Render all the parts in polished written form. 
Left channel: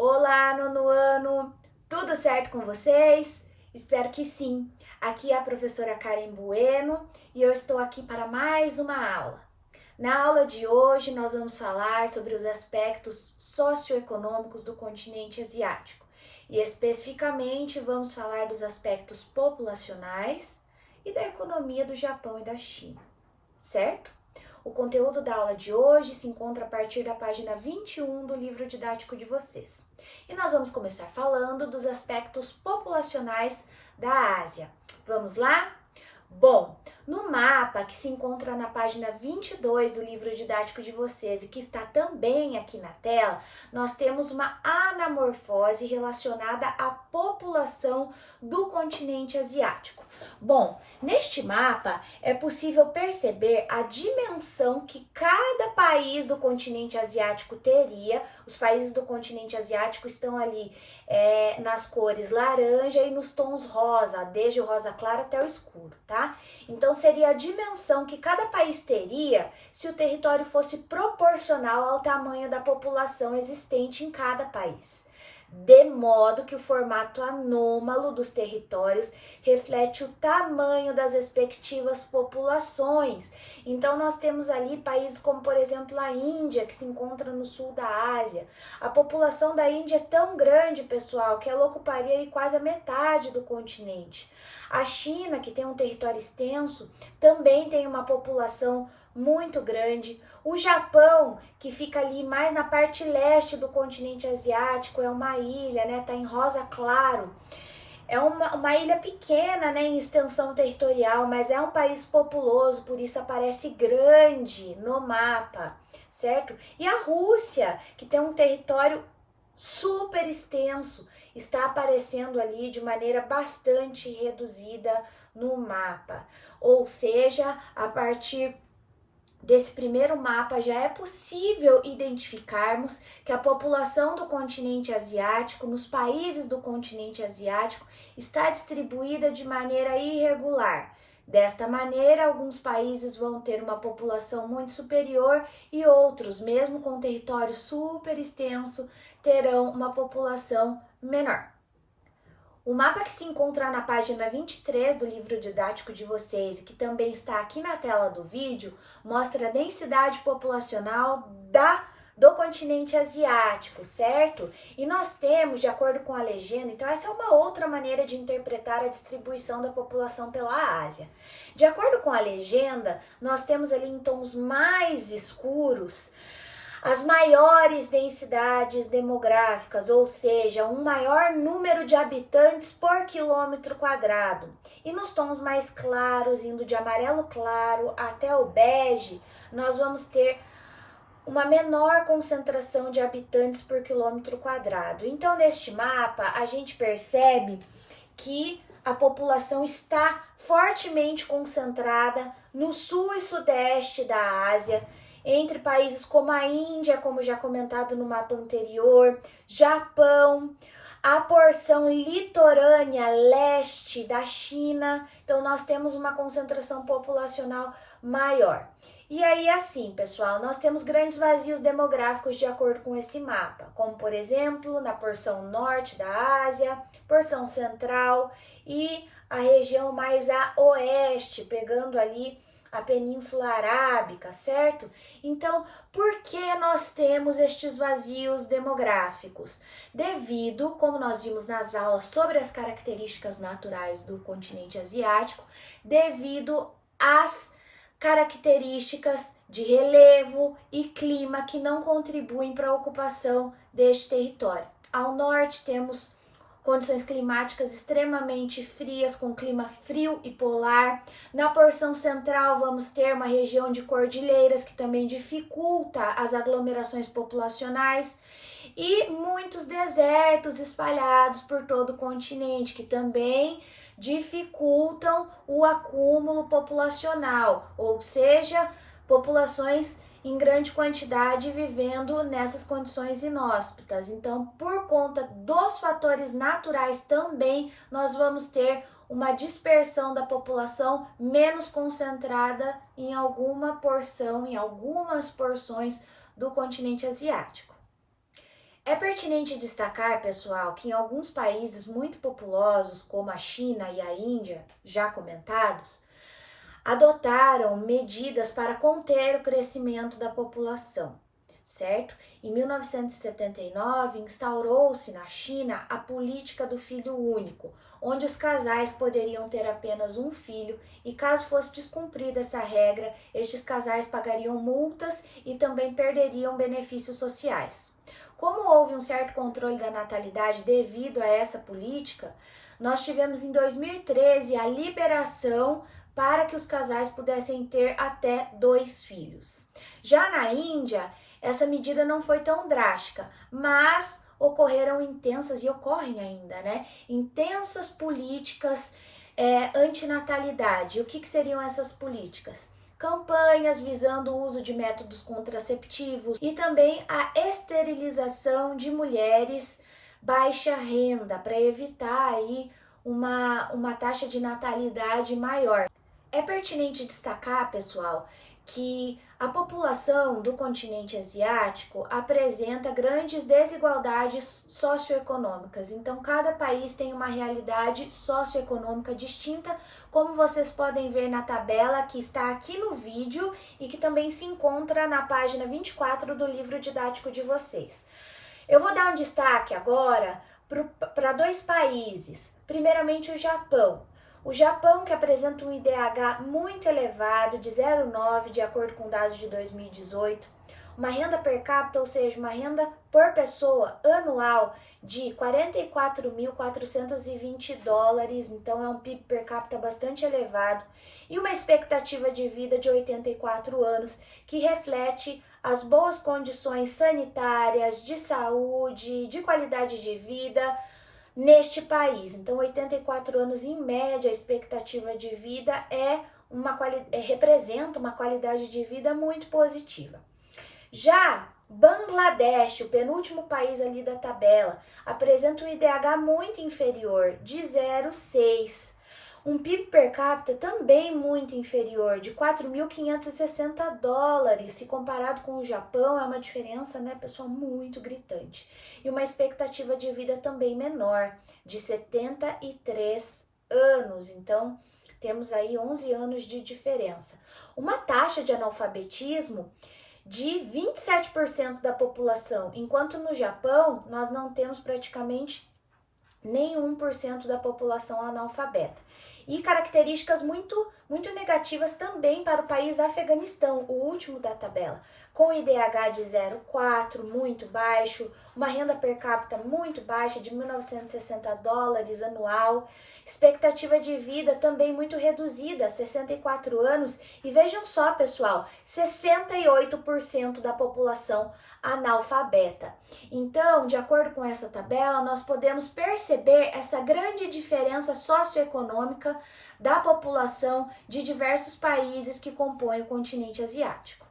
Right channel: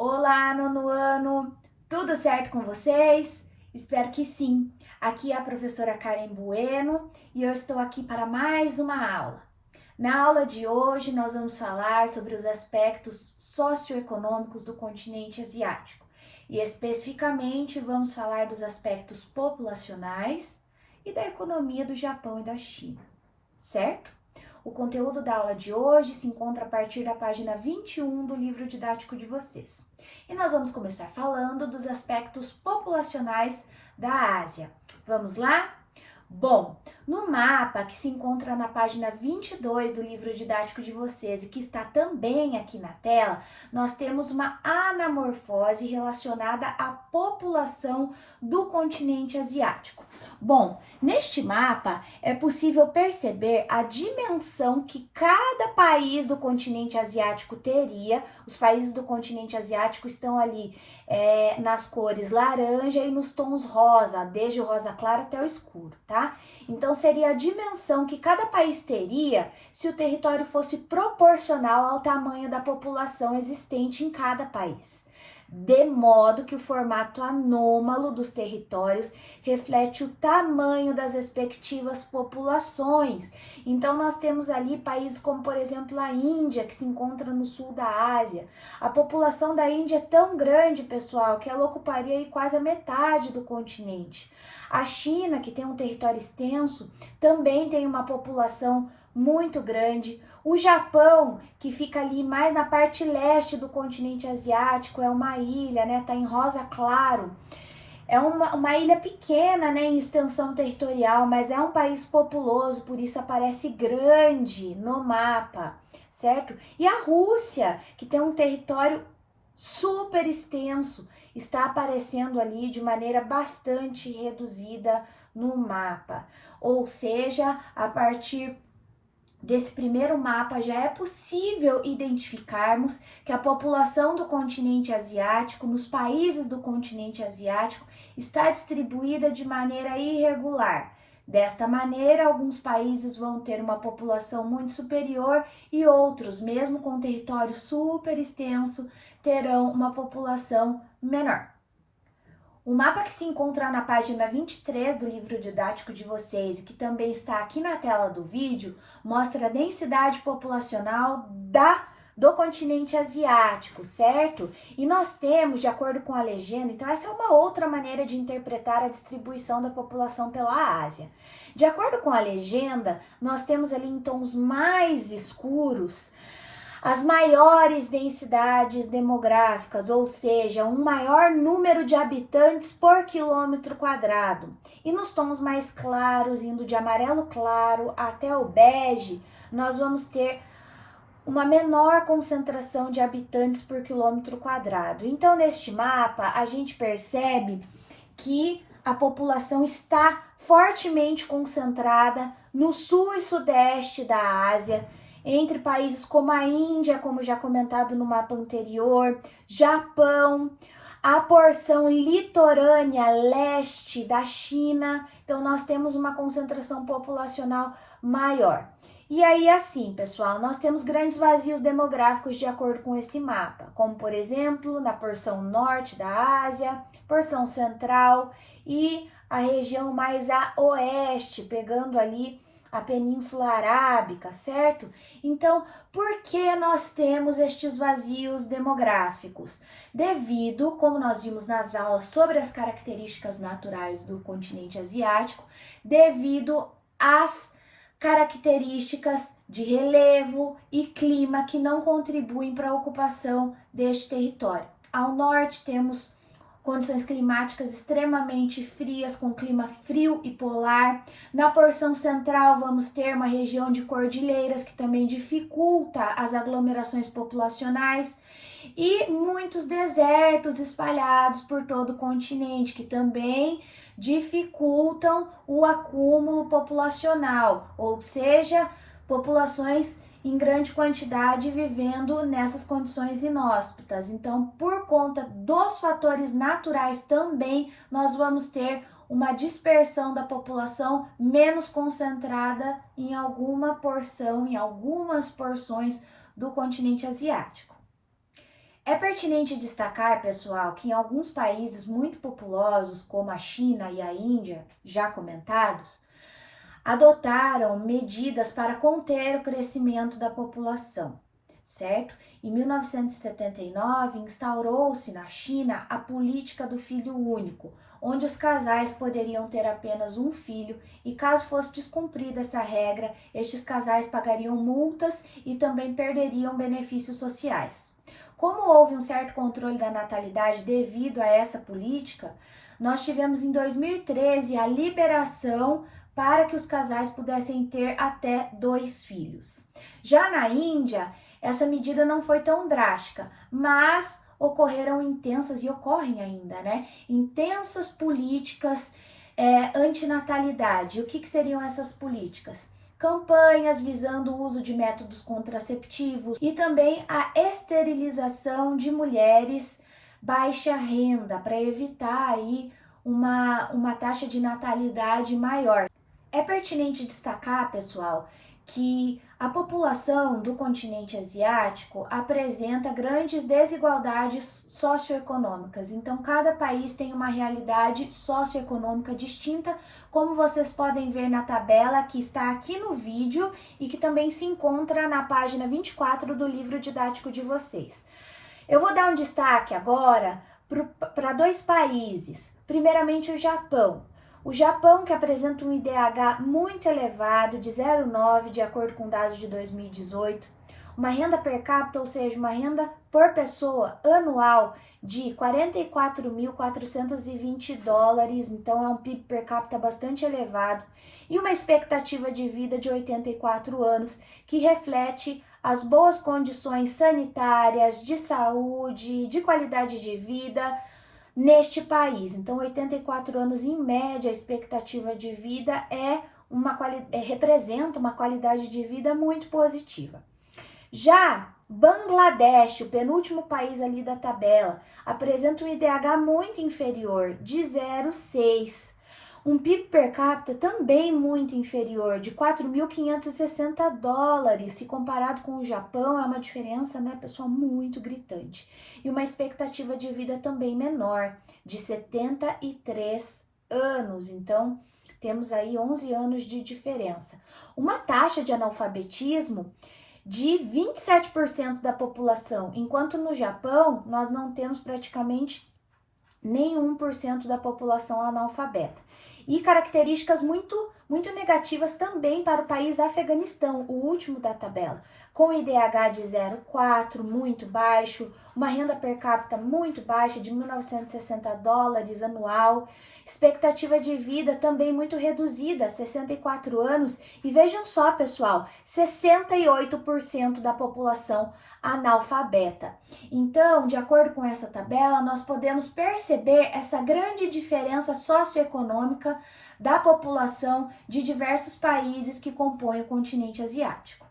Olá, nono ano! Tudo certo com vocês? Espero que sim. Aqui é a professora Karen Bueno e eu estou aqui para mais uma aula. Na aula de hoje, nós vamos falar sobre os aspectos socioeconômicos do continente asiático e, especificamente, vamos falar dos aspectos populacionais e da economia do Japão e da China, certo? O conteúdo da aula de hoje se encontra a partir da página 21 do livro didático de vocês. E nós vamos começar falando dos aspectos populacionais da Ásia. Vamos lá? Bom, no mapa que se encontra na página 22 do livro didático de vocês e que está também aqui na tela, nós temos uma anamorfose relacionada à população do continente asiático. Bom, neste mapa é possível perceber a dimensão que cada país do continente asiático teria. Os países do continente asiático estão ali nas cores laranja e nos tons rosa, desde o rosa claro até o escuro, tá? Então seria a dimensão que cada país teria se o território fosse proporcional ao tamanho da população existente em cada país. De modo que o formato anômalo dos territórios reflete o tamanho das respectivas populações. Então, nós temos ali países como, por exemplo, a Índia, que se encontra no sul da Ásia. A população da Índia é tão grande, pessoal, que ela ocuparia quase a metade do continente. A China, que tem um território extenso, também tem uma população muito grande. O Japão, que fica ali mais na parte leste do continente asiático, é uma ilha, né? Tá em rosa claro. É uma ilha pequena, né, em extensão territorial, mas é um país populoso, por isso aparece grande no mapa, certo? E a Rússia, que tem um território super extenso, está aparecendo ali de maneira bastante reduzida no mapa. Ou seja, a partir desse primeiro mapa já é possível identificarmos que a população do continente asiático, nos países do continente asiático, está distribuída de maneira irregular. Desta maneira, alguns países vão ter uma população muito superior e outros, mesmo com território super extenso, terão uma população menor. O mapa que se encontra na página 23 do livro didático de vocês e que também está aqui na tela do vídeo, mostra a densidade populacional do continente asiático, certo? E nós temos, de acordo com a legenda, então essa é uma outra maneira de interpretar a distribuição da população pela Ásia. De acordo com a legenda, nós temos ali em tons mais escuros as maiores densidades demográficas, ou seja, um maior número de habitantes por quilômetro quadrado. E nos tons mais claros, indo de amarelo claro até o bege, nós vamos ter uma menor concentração de habitantes por quilômetro quadrado. Então, neste mapa, a gente percebe que a população está fortemente concentrada no sul e sudeste da Ásia, entre países como a Índia, como já comentado no mapa anterior, Japão, a porção litorânea leste da China. Então, nós temos uma concentração populacional maior. E aí, assim, pessoal, nós temos grandes vazios demográficos de acordo com esse mapa, como, por exemplo, na porção norte da Ásia, porção central e a região mais a oeste, pegando ali a Península Arábica, certo? Então, por que nós temos estes vazios demográficos? Devido, como nós vimos nas aulas sobre as características naturais do continente asiático, devido às características de relevo e clima que não contribuem para a ocupação deste território. Ao norte temos condições climáticas extremamente frias, com clima frio e polar. Na porção central vamos ter uma região de cordilheiras que também dificulta as aglomerações populacionais e muitos desertos espalhados por todo o continente que também dificultam o acúmulo populacional, ou seja, populações em grande quantidade vivendo nessas condições inóspitas. Então, por conta dos fatores naturais também, nós vamos ter uma dispersão da população menos concentrada em alguma porção, em algumas porções do continente asiático. É pertinente destacar, pessoal, que em alguns países muito populosos, como a China e a Índia, já comentados, adotaram medidas para conter o crescimento da população, certo? Em 1979, instaurou-se na China a política do filho único, onde os casais poderiam ter apenas um filho e, caso fosse descumprida essa regra, estes casais pagariam multas e também perderiam benefícios sociais. Como houve um certo controle da natalidade devido a essa política, nós tivemos em 2013 a liberação para que os casais pudessem ter até 2 filhos. Já na Índia, essa medida não foi tão drástica, mas ocorreram intensas, e ocorrem ainda, né? Intensas políticas antinatalidade. O que seriam essas políticas? Campanhas visando o uso de métodos contraceptivos e também a esterilização de mulheres baixa renda, para evitar aí uma taxa de natalidade maior. É pertinente destacar, pessoal, que a população do continente asiático apresenta grandes desigualdades socioeconômicas. Então, cada país tem uma realidade socioeconômica distinta, como vocês podem ver na tabela que está aqui no vídeo e que também se encontra na página 24 do livro didático de vocês. Eu vou dar um destaque agora para 2 países. Primeiramente, o Japão. O Japão, que apresenta um IDH muito elevado, de 0,9, de acordo com dados de 2018, uma renda per capita, ou seja, uma renda por pessoa anual de 44.420 dólares, então é um PIB per capita bastante elevado, e uma expectativa de vida de 84 anos, que reflete as boas condições sanitárias, de saúde, de qualidade de vida neste país. Então, 84 anos em média, a expectativa de vida representa uma qualidade de vida muito positiva. Já Bangladesh, o penúltimo país ali da tabela, apresenta um IDH muito inferior, de 0,6. Um PIB per capita também muito inferior, de 4.560 dólares. Se comparado com o Japão, é uma diferença, né, pessoal, muito gritante. E uma expectativa de vida também menor, de 73 anos. Então, temos aí 11 anos de diferença. Uma taxa de analfabetismo de 27% da população, enquanto no Japão nós não temos praticamente nenhum por cento da população analfabeta. E características muito negativas também para o país Afeganistão, o último da tabela, com IDH de 0,4, muito baixo, uma renda per capita muito baixa, de 1.960 dólares anual, expectativa de vida também muito reduzida, 64 anos, e vejam só, pessoal, 68% da população analfabeta. Então, de acordo com essa tabela, nós podemos perceber essa grande diferença socioeconômica da população de diversos países que compõem o continente asiático.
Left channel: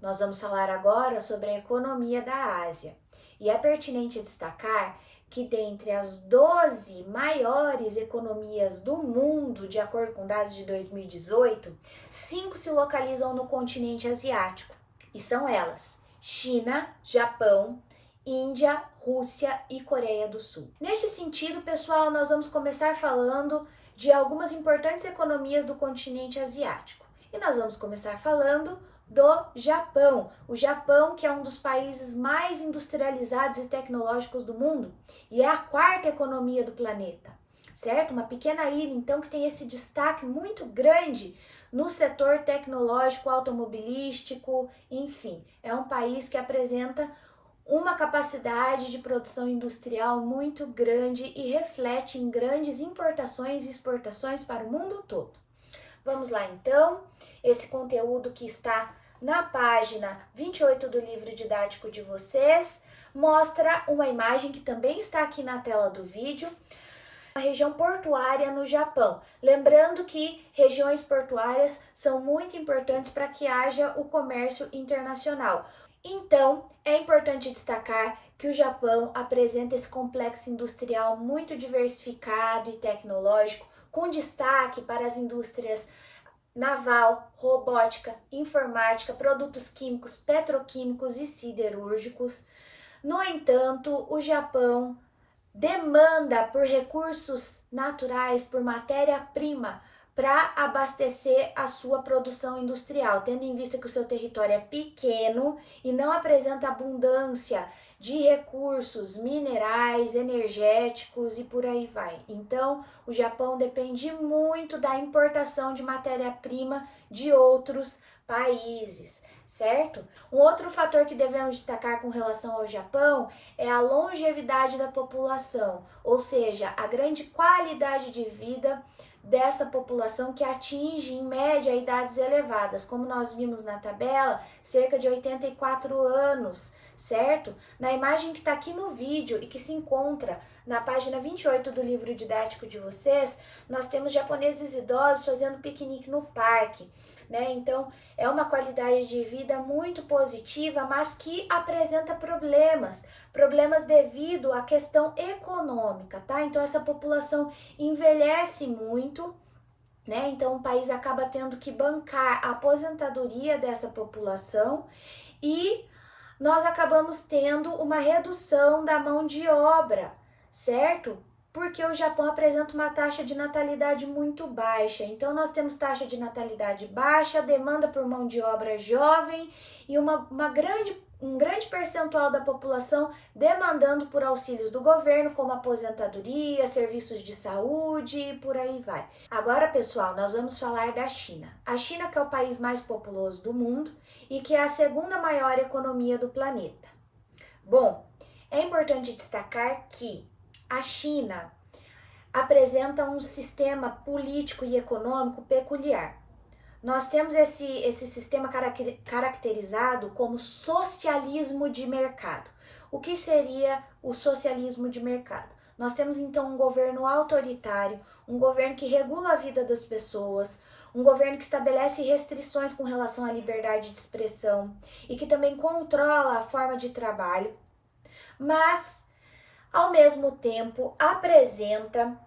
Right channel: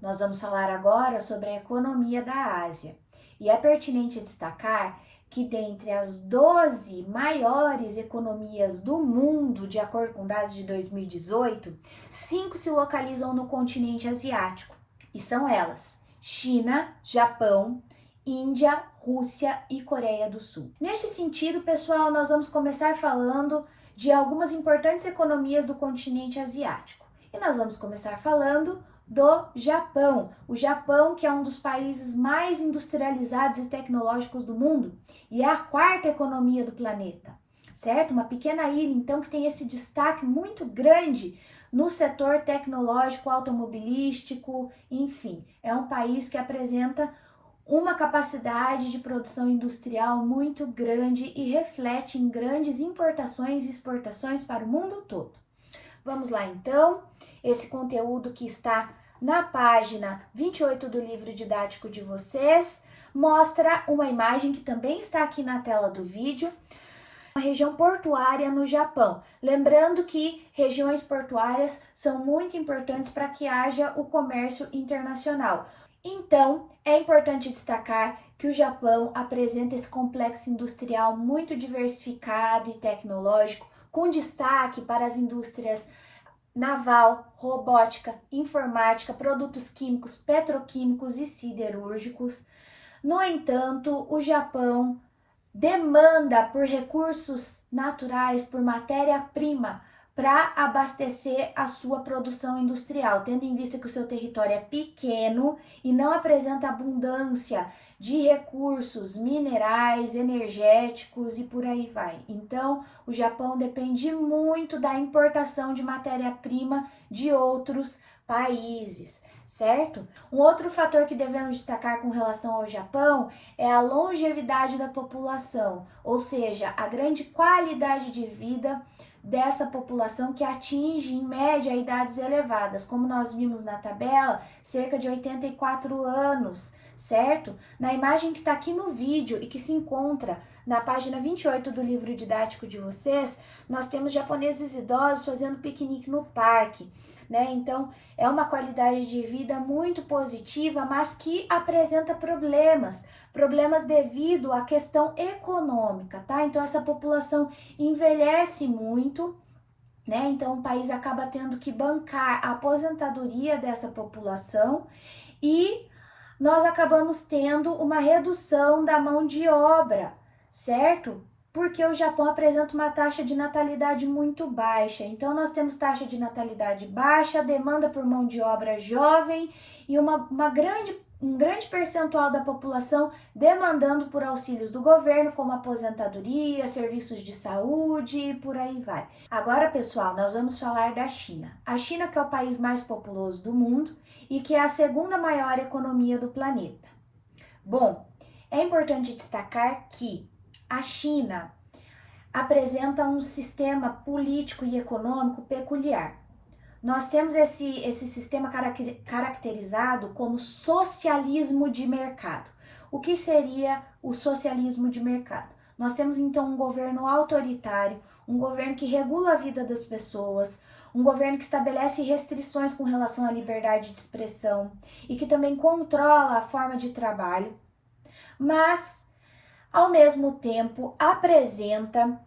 Nós vamos falar agora sobre a economia da Ásia. E é pertinente destacar que dentre as 12 maiores economias do mundo, de acordo com dados de 2018, 5 se localizam no continente asiático. E são elas: China, Japão, Índia, Rússia e Coreia do Sul. Neste sentido, pessoal, nós vamos começar falando de algumas importantes economias do continente asiático. E nós vamos começar falando do Japão. O Japão, que é um dos países mais industrializados e tecnológicos do mundo, e é a 4ª economia do planeta, certo? Uma pequena ilha, então, que tem esse destaque muito grande no setor tecnológico, automobilístico, enfim, é um país que apresenta uma capacidade de produção industrial muito grande e reflete em grandes importações e exportações para o mundo todo. Vamos lá, então, esse conteúdo que está na página 28 do livro didático de vocês mostra uma imagem que também está aqui na tela do vídeo, a região portuária no Japão. Lembrando que regiões portuárias são muito importantes para que haja o comércio internacional. Então, é importante destacar que o Japão apresenta esse complexo industrial muito diversificado e tecnológico, com destaque para as indústrias naval, robótica, informática, produtos químicos, petroquímicos e siderúrgicos. No entanto, o Japão demanda por recursos naturais, por matéria-prima, para abastecer a sua produção industrial, tendo em vista que o seu território é pequeno e não apresenta abundância de recursos minerais, energéticos e por aí vai. Então, o Japão depende muito da importação de matéria-prima de outros países, certo? Um outro fator que devemos destacar com relação ao Japão é a longevidade da população, ou seja, a grande qualidade de vida dessa população que atinge em média idades elevadas, como nós vimos na tabela, cerca de 84 anos, certo? Na imagem que está aqui no vídeo e que se encontra na página 28 do livro didático de vocês, nós temos japoneses idosos fazendo piquenique no parque, né? Então, é uma qualidade de vida muito positiva, mas que apresenta problemas devido à questão econômica, tá? Então, essa população envelhece muito, né? Então, o país acaba tendo que bancar a aposentadoria dessa população e nós acabamos tendo uma redução da mão de obra, certo? Porque o Japão apresenta uma taxa de natalidade muito baixa. Então, nós temos taxa de natalidade baixa, demanda por mão de obra jovem e um grande percentual da população demandando por auxílios do governo, como aposentadoria, serviços de saúde e por aí vai. Agora, pessoal, nós vamos falar da China. A China, que é o país mais populoso do mundo e que é a segunda maior economia do planeta. Bom, é importante destacar que a China apresenta um sistema político e econômico peculiar. Nós temos esse sistema caracterizado como socialismo de mercado. O que seria o socialismo de mercado? Nós temos então um governo autoritário, um governo que regula a vida das pessoas, um governo que estabelece restrições com relação à liberdade de expressão e que também controla a forma de trabalho, mas ao mesmo tempo apresenta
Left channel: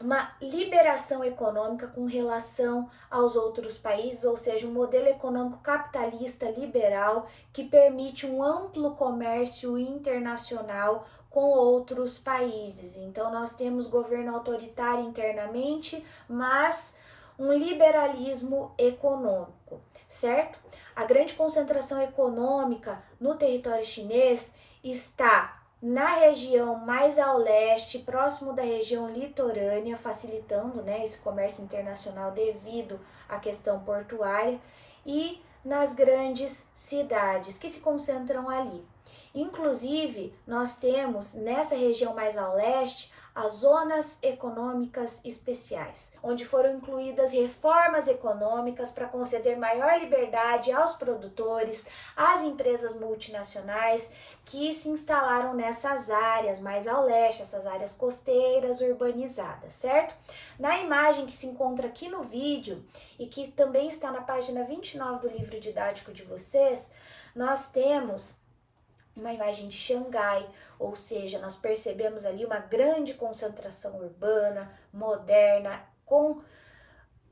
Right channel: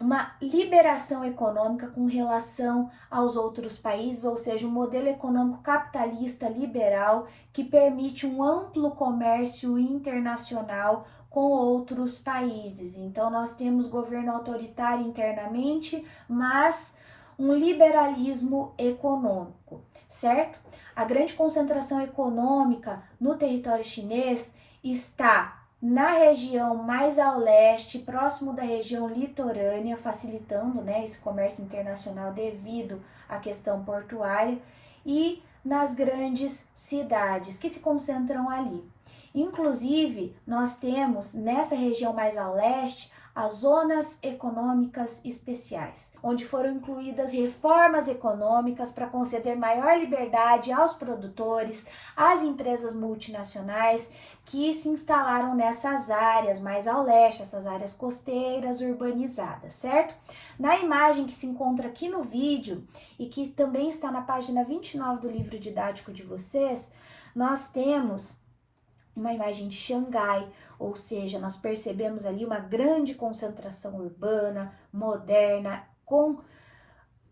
uma liberação econômica com relação aos outros países, ou seja, um modelo econômico capitalista liberal que permite um amplo comércio internacional com outros países. Então, nós temos governo autoritário internamente, mas um liberalismo econômico, certo? A grande concentração econômica no território chinês está na região mais ao leste, próximo da região litorânea, facilitando, né, esse comércio internacional devido à questão portuária, e nas grandes cidades que se concentram ali. Inclusive, nós temos nessa região mais ao leste as zonas econômicas especiais, onde foram incluídas reformas econômicas para conceder maior liberdade aos produtores, às empresas multinacionais que se instalaram nessas áreas mais ao leste, essas áreas costeiras urbanizadas, certo? Na imagem que se encontra aqui no vídeo e que também está na página 29 do livro didático de vocês, nós temos uma imagem de Xangai, ou seja, nós percebemos ali uma grande concentração urbana, moderna, com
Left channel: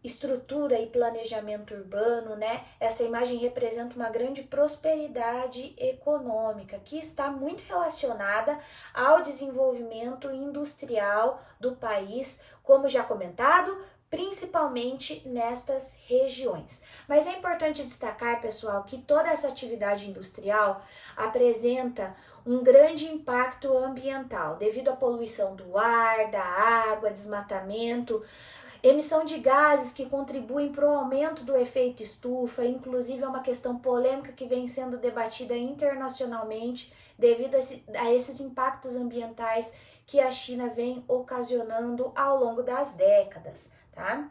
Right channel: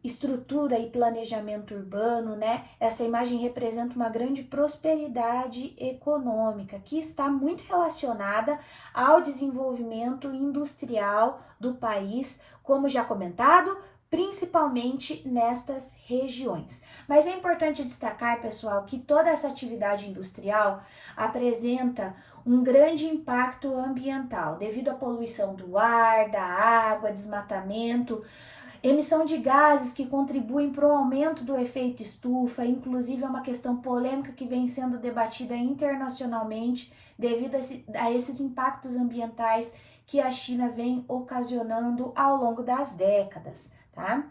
estrutura e planejamento urbano, né? Essa imagem representa uma grande prosperidade econômica que está muito relacionada ao desenvolvimento industrial do país, como já comentado, principalmente nestas regiões. Mas é importante destacar, pessoal, que toda essa atividade industrial apresenta um grande impacto ambiental devido à poluição do ar, da água, desmatamento, emissão de gases que contribuem para o aumento do efeito estufa, inclusive é uma questão polêmica que vem sendo debatida internacionalmente devido a esses impactos ambientais que a China vem ocasionando ao longo das décadas, tá?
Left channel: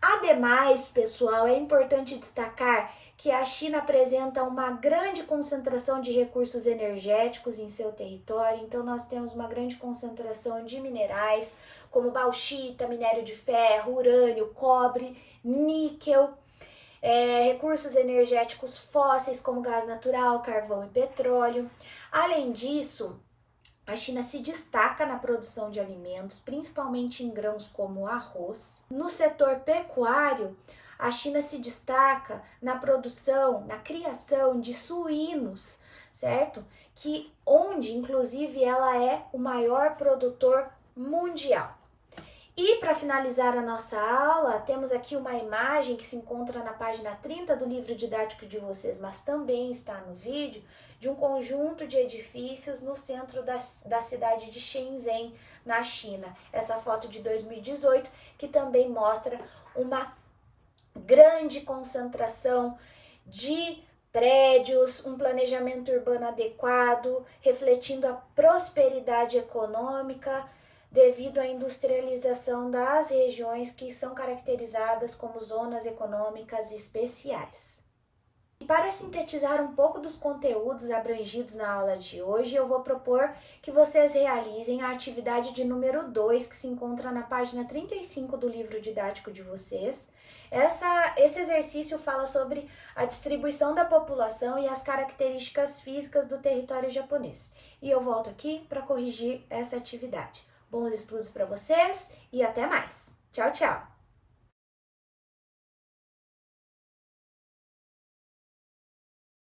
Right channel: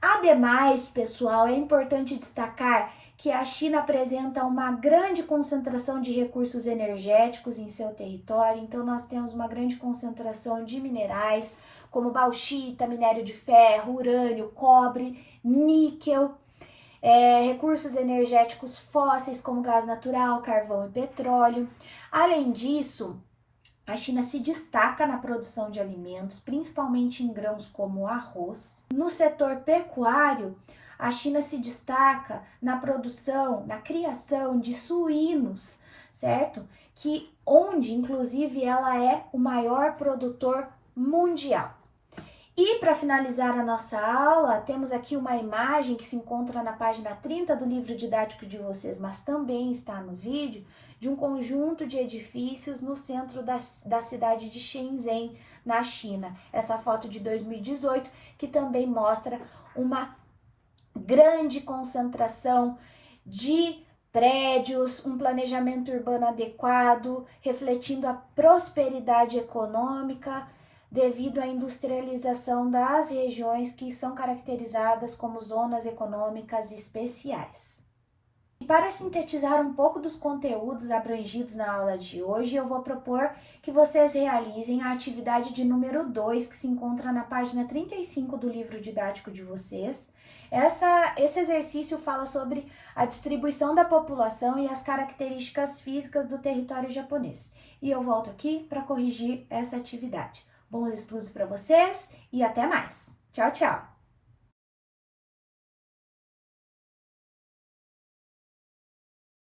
Ademais, pessoal, é importante destacar que a China apresenta uma grande concentração de recursos energéticos em seu território, então nós temos uma grande concentração de minerais, como bauxita, minério de ferro, urânio, cobre, níquel, recursos energéticos fósseis como gás natural, carvão e petróleo. Além disso, a China se destaca na produção de alimentos, principalmente em grãos como arroz. No setor pecuário, a China se destaca na produção, na criação de suínos, certo? Onde, inclusive, ela é o maior produtor mundial. E para finalizar a nossa aula, temos aqui uma imagem que se encontra na página 30 do livro didático de vocês, mas também está no vídeo, de um conjunto de edifícios no centro da cidade de Shenzhen, na China. Essa foto de 2018, que também mostra uma grande concentração de prédios, um planejamento urbano adequado, refletindo a prosperidade econômica devido à industrialização das regiões que são caracterizadas como zonas econômicas especiais. E para sintetizar um pouco dos conteúdos abrangidos na aula de hoje, eu vou propor que vocês realizem a atividade de número 2, que se encontra na página 35 do livro didático de vocês. Esse exercício fala sobre a distribuição da população e as características físicas do território japonês. E eu volto aqui para corrigir essa atividade. Bons estudos para vocês e até mais. Tchau, tchau!